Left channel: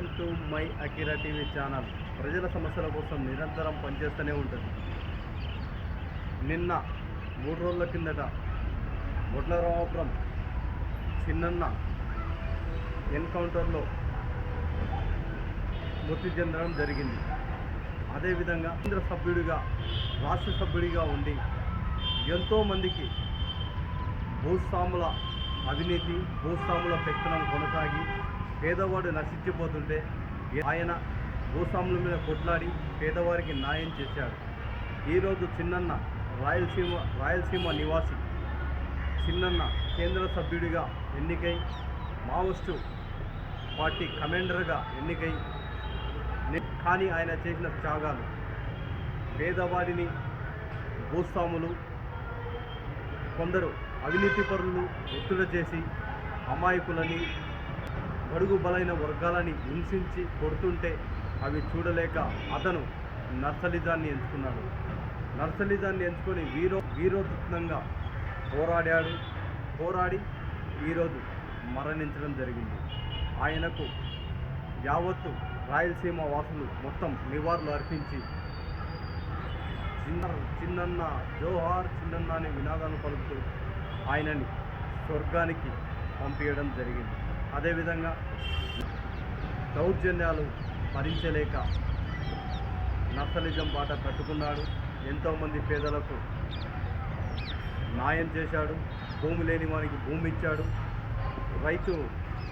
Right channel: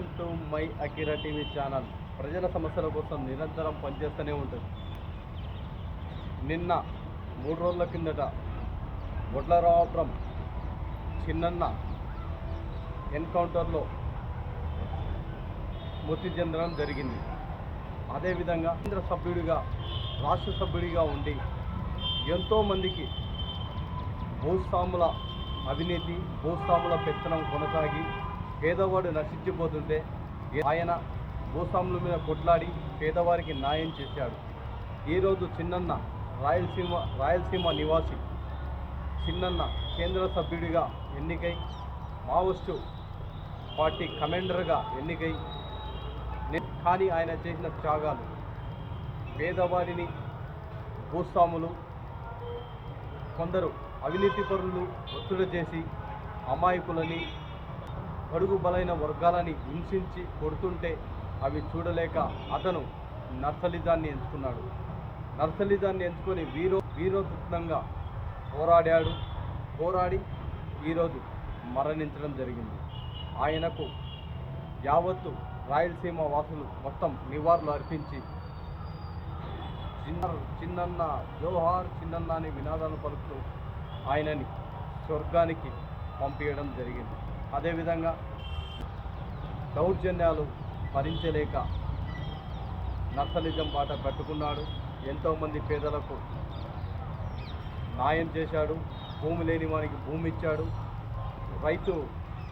Welcome to my Akira TV channel. ప్రజల సమస్యల కోసం నిరంతరం పనిచేస్తూనే ఉంటుంది. నిన్న మూడు రోజుల కిందట వడ్లరామపురం చిన్నన్న ఎన్కౌంటర్లో మృతి చెందడం జరిగింది. అదేవిధంగా కేంద్ర సభ్యుడిగా రాష్ట్ర సభ్యుడిగా ఉండి ఎంతోమందికి భూస్వాముల అవినీతి భూస్వాముల పెత్తనం కొనసాగి పేదవాడు నశించిపోతుంటే ఆయన భూస్వాముల మీద కొట్లాడి పేదవారికి న్యాయం చేశాడు. ఈరోజు చిన్నన్న రాయలసీమ రాయలసీమ నివాసి చిన్నన్న కేంద్ర సభ్యుడిగా ఎన్నికై మావోస్టు పార్టీ కమాండర్గా ఎన్నికై కానీ ఆయన చేసిన త్యాగాలు పేదవాడిని భూస్వాములు కొందరు అవినీతి పరులు ఒత్తిడి చేసి అమాయకులని బడుగు బలైన వర్గాలని హింసించి కొడుతుంటే అవి చూడలేక అతను నర్సలిజాన్ని ఎంచుకున్నాడు. నర్సలిజాన్ని ఎంచుకొని వీరో వీరోతృత్వంగా పోరాడాడు. పోరాడి ఈరోజు మరణించడం జరిగింది. ఆయనకు యావత్తు రాయలసీమ వాసులు మొత్తం నివాళులు అర్పించి చిన్న చిన్నన్న జోహార్ చిన్నన్న అనే వినాదాలు పలుకుతూ ఆయనని స్వర్గానికి పంపించడం జరిగింది. అదేవిధంగా దౌర్జన్యాలు భరించలేక నక్సలిజం బాట పట్టుకున్నాడు. ఎంతోమంది పేదలకు న్యాయం చేశాడు. భూమి లేని వానికి భూమి ఇచ్చాడు. రైతు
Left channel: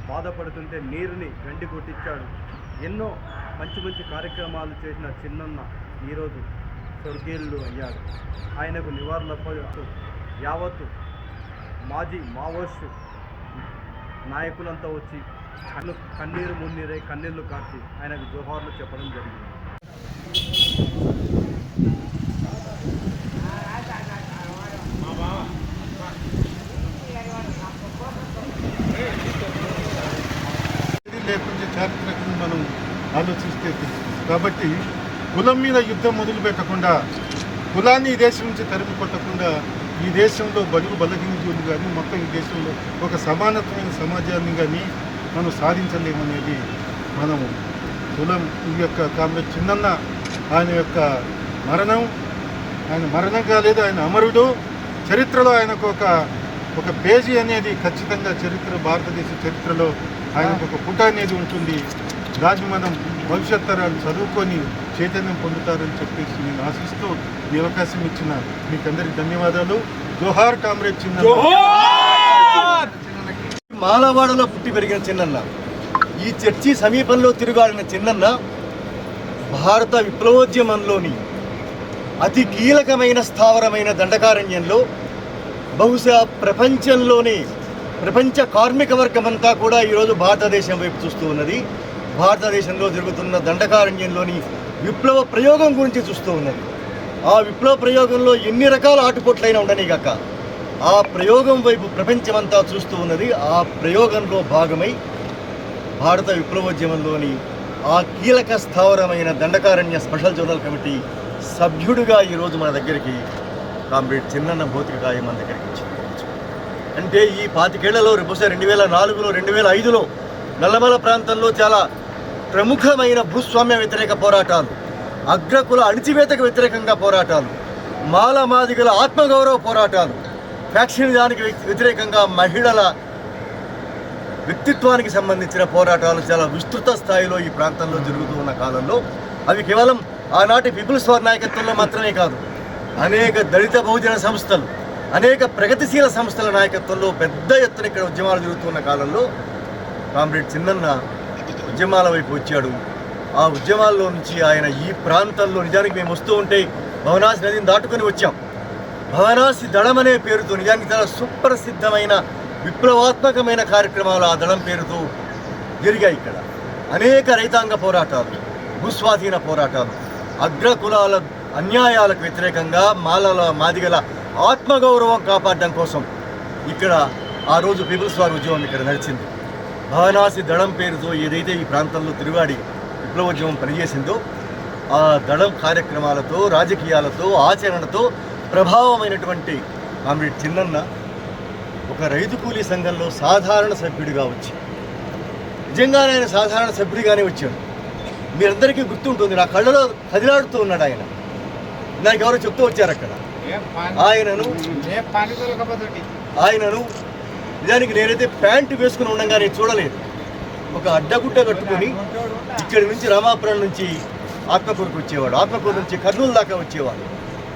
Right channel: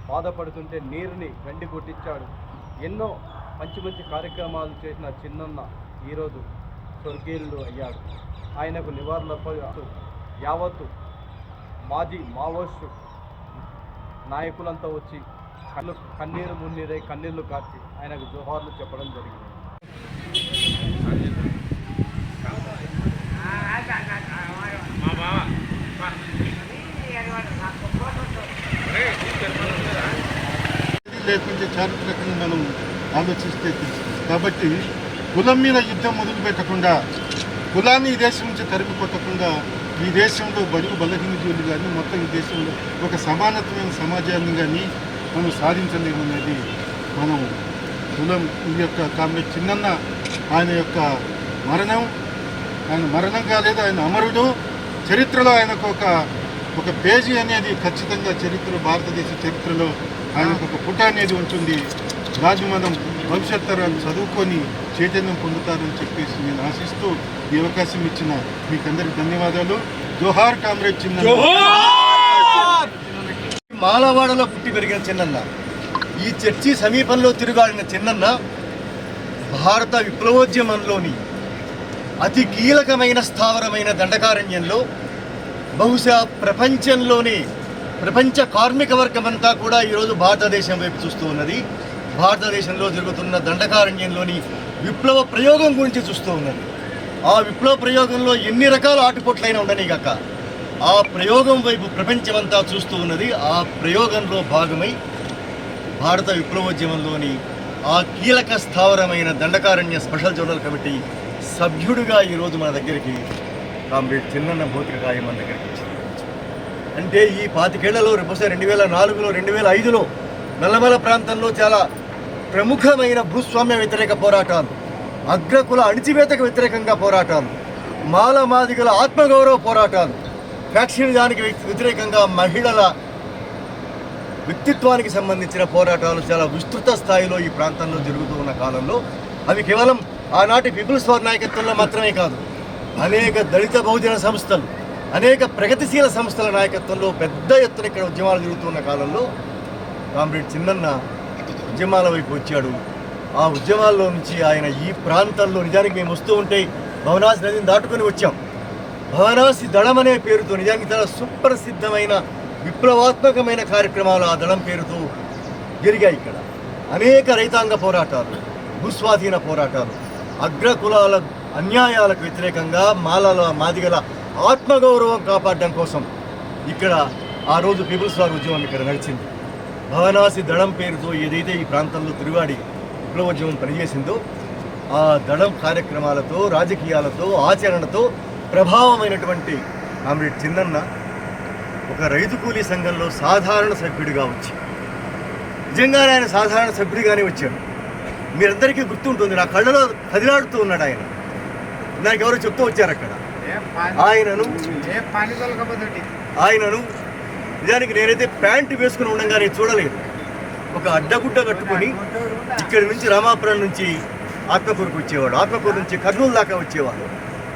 బాధపడుతుంటే నీరుని గండి కొట్టించాడు. ఎన్నో మంచి మంచి కార్యక్రమాలు చేసిన చిన్నన్న ఈరోజు స్వర్గీయులు అయ్యాడు. ఆయనకు నివారణపై యావత్తు మాజీ మావోస్టు నాయకులంతా వచ్చి కళ్ళు కన్నీరు మున్నీరై కన్నీళ్ళు కార్చి ఆయనకు జోహార్లు చెప్పడం జరిగింది. లేకుంటే చారిత్రకంగా మనం ఆలోచిస్తే కాబట్టి కులం మీద యుద్ధం మొదలు పెట్టకుండా కులాన్ని ఈ దేశం నుంచి తరిమి కొట్టకుండా ఈ దేశంలో బడుగు బలహీనతలు కానీ మొత్తం ఈ దేశంలో ఒక సమానత్వమైన సమాజాన్ని కానీ మనం సాధించలేమనేది మనం కులం ఈ యొక్క కామ్రేడ్ చిన్నన్న ఆయన యొక్క మరణం ఆయన మరణం కాలేదు ఆయన అమరుడు. చరిత్రలో ఆయనకు ఒక ఒక పేజీ అనేది ఖచ్చితంగా చరిత్ర భారతదేశ చరిత్రలో ఆయనకు ఒక పుట అనేది ఉంటుంది. దాన్ని మనం భవిష్యత్ తరాలు చదువుకొని చైతన్యం పొందుతారని చెప్పేసి నేను ఆశిస్తూ ఈ అవకాశం ఇచ్చిన మీకందరికి ధన్యవాదాలు. జోహార్ కామ్రేడ్ చిన్న మాలవాడలో పుట్టి పెరిగిన చిన్నన్న. ఈ చర్చి సమీపంలో తిరుగాడిన చిన్నన్న భారత విప్లవోద్యమంలోని అతి కీలకమైన స్థావరమైన దండకారణ్యంలో బహుశా ప్రపంచంలోనే ప్రపంచ కార్మిక వర్గమంతా కూడా ఈరోజు భారతదేశం వైపు చూస్తూ ఉన్నది. భారతదేశంలో జరుగుతున్న దండకారణ్యంలోని విప్లవ ప్రయోగం గురించి చూస్తూ ఉన్నది ఆ విప్లవ ప్రయోగంలో ఎన్ని రకాల ఆటుపోట్లైనా ఉండనిగాక ఆ ప్రయోగం వైపు ప్రపంచమంతా చూస్తూ ఉన్నది. ఆ ప్రయోగంలో భాగమై భారత విప్లవోద్యమంలోని ఆ కీలక స్థావరమైన దండకారణ్య స్పెషల్ జోనల్ కమిటీ సభ్యుడిగా ఈరోజు మన దగ్గరికి కామ్రేడ్ చిన్నన్న భౌతికకాయం మన దగ్గరికి అంటే ఈ పాతికేళ్ళలో బహుశా రెండు వేల నాలుగులో రెండు వేల ఐదులో నల్లమల ప్రాంతంలో చాలా ప్రముఖమైన భూస్వామ్య వ్యతిరేక పోరాటాలు అగ్రకుల అణిచివేతకు వ్యతిరేకంగా పోరాటాలు మాలమాదిగల ఆత్మగౌరవ పోరాటాలు ఫ్యాక్షనిజానికి వ్యతిరేకంగా మహిళల వ్యక్తిత్వానికి సంబంధించిన పోరాటాలు చాలా విస్తృత స్థాయిలో ఈ ప్రాంతంలో జరుగుతూ ఉన్న కాలంలో. అవి కేవలం ఆనాటి పీపుల్స్ వార్ నాయకత్వంలో మాత్రమే కాదు అనేక దళిత బహుజన సంస్థలు అనేక ప్రగతిశీల సంస్థల నాయకత్వంలో పెద్ద ఎత్తున ఇక్కడ ఉద్యమాలు జరుగుతున్న కాలంలో కామ్రేడ్ చిన్నన్న ఉద్యమాల వైపు వచ్చాడు. ఆ ఉద్యమాల్లో నుంచి ఆయన ఈ ప్రాంతంలో నిజానికి మేము వస్తూ ఉంటే భవనాసి నదిని దాటుకొని వచ్చాం. భవనాసి దళం అనే పేరుతో నిజానికి చాలా సుప్రసిద్ధమైన విప్లవాత్మకమైన కార్యక్రమాలు ఆ దళం పేరుతో జరిగాయి ఇక్కడ. అనేక రైతాంగ పోరాటాలు భూస్వాధీన పోరాటాలు అగ్రకులాల అన్యాయాలకు వ్యతిరేకంగా మాలల మాదిగల ఆత్మగౌరవం కాపాడడం కోసం ఇక్కడ ఆ రోజు పీపుల్స్ వార్ ఉద్యమం ఇక్కడ నడిచింది. భవనాసి దళం పేరుతో ఏదైతే ఈ ప్రాంతంలో తిరుగాడి విప్లవోద్యమం పనిచేసిందో ఆ దళం కార్యక్రమాలతో రాజకీయాలతో ఆచరణతో ప్రభావమైనటువంటి కామ్రేడ్ చిన్నన్న ఒక రైతు కూలీ సంఘంలో సాధారణ సభ్యుడిగా వచ్చి నిజంగానే ఆయన సాధారణ సభ్యుడిగానే వచ్చాడు. మీరందరికీ గుర్తుంటుంది నా కళ్ళలో కదిలాడుతూ ఉన్నాడు ఆయన. నాకు ఎవరో చెప్తూ వచ్చారు అక్కడ ఆయనను ఆయనను నిజానికి నేనైతే ప్యాంటు వేసుకుని ఉండగానే చూడలేదు. ఒక అడ్డగుడ్డ కట్టుకొని ఇక్కడి నుంచి రామాపురం నుంచి ఆత్మకూరుకు వచ్చేవాడు. ఆత్మకూరు నుంచి కర్నూలు దాకా వచ్చేవాడు.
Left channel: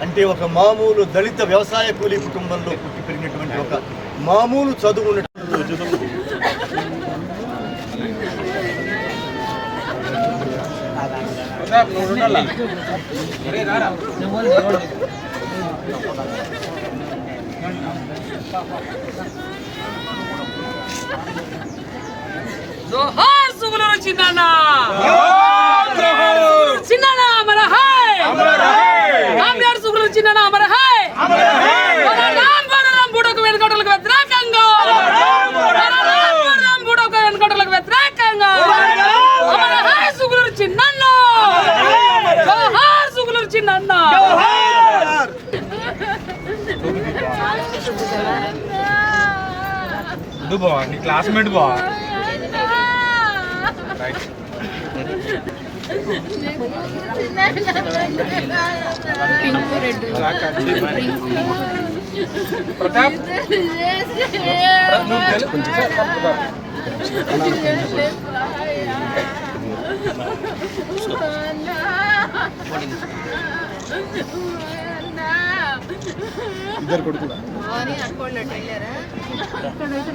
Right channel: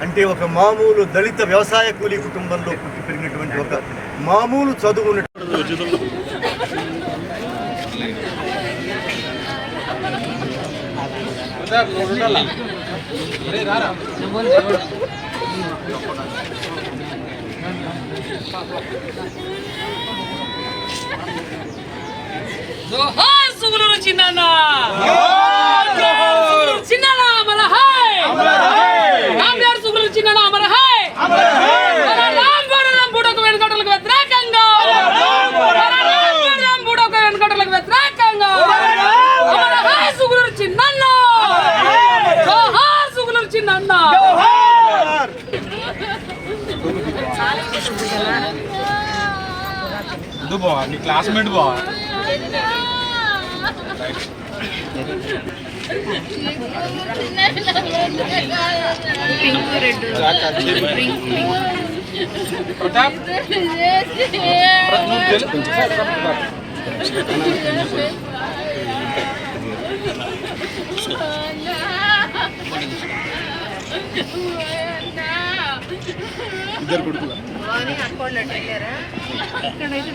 అంటే ఒక మామూలు దళిత వ్యవసాయ కూలీ కుటుంబంలో పుట్టి పెరిగినటువంటి ఒక మామూలు చదువు ఉన్నటువంటి జోహార్ సుగులూరు చిన్నన్న. చిన్నన్న. హాయ్ కామ్యార్ సుగులూరు చిన్నన్న మన హాయ్ బుడకు వెనుకటలకు వ్యతిరేకంగా. బుడకు వెనుకటలకు వ్యతిరేకంగా. మన హాయ్ సుగులూరు చిన్నన్న. జోహార్ సుగులూరు చిన్నన్న. నీ క్లాస్మేట్ బా ఇద్దరు కొడుకులా అని అక్కడ వెళ్ళారా? ఇక్కడైతే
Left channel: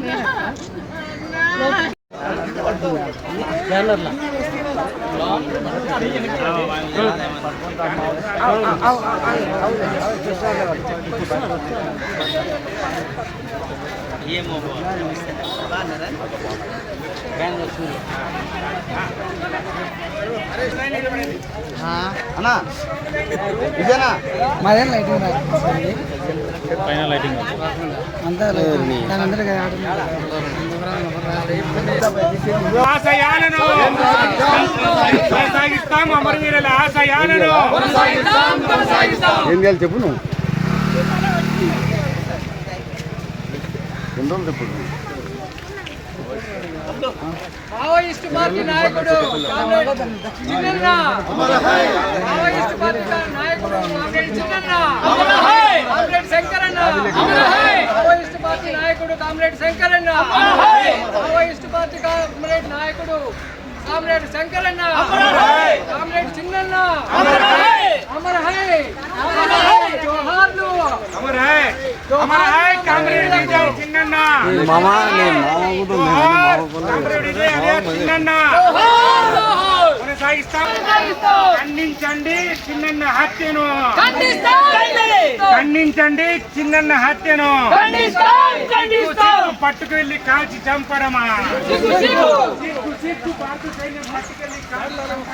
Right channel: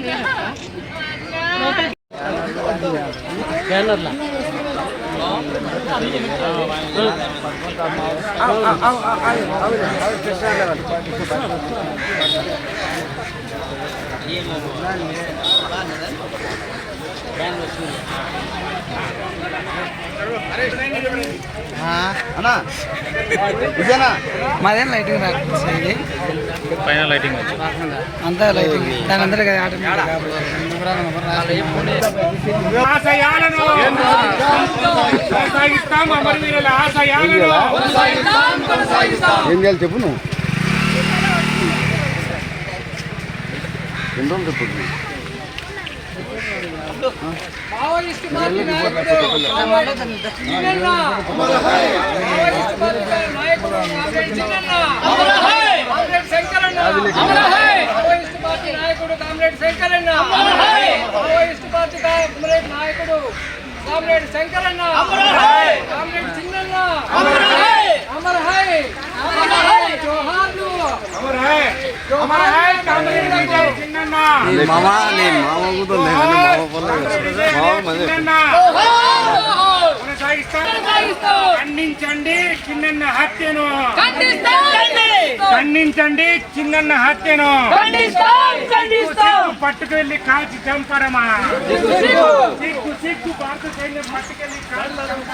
ఏమో మాదేం లైటింగ్ రాకపోతే పైన లైటింగ్ అంతా లైటింగ్ దాని అందరూ ఆశయాలను కొనసాగిస్తాం అమరవీరుల ఆశయాలను. ఏం చేయాలి చెప్పు నువ్వు? ఎన్ని రోజులు చెప్పు మావోయిస్టు పార్టీ నాయకుడు చిన్నన్న మావోయిస్టు పార్టీ నాయకుడు comrade Chinnanna comrade Shankaranna. Maoist party నాయకుడు comrade Shankaranna. Maoist party comrade నాయకుడు కామ్రేడ్ శంకరన్న. కామ్రేడ్ చిన్నన్న అమర్ హై జోహార్లు అమర్ హై అమర్ హై కామ్రేడ్ విజయ్ చిన్నన్న మామ నేను మామ కూడా ఖండించండి చిన్నన్న హత్యను ఖండించండి చిన్నన్న హత్యను సిగ్గు పట్టుకు వెళ్ళి కాల్చి చంపడమా సిగ్గు సిగ్గు భారత సైన్యం పట్టుకెళ్ళి చంపడమా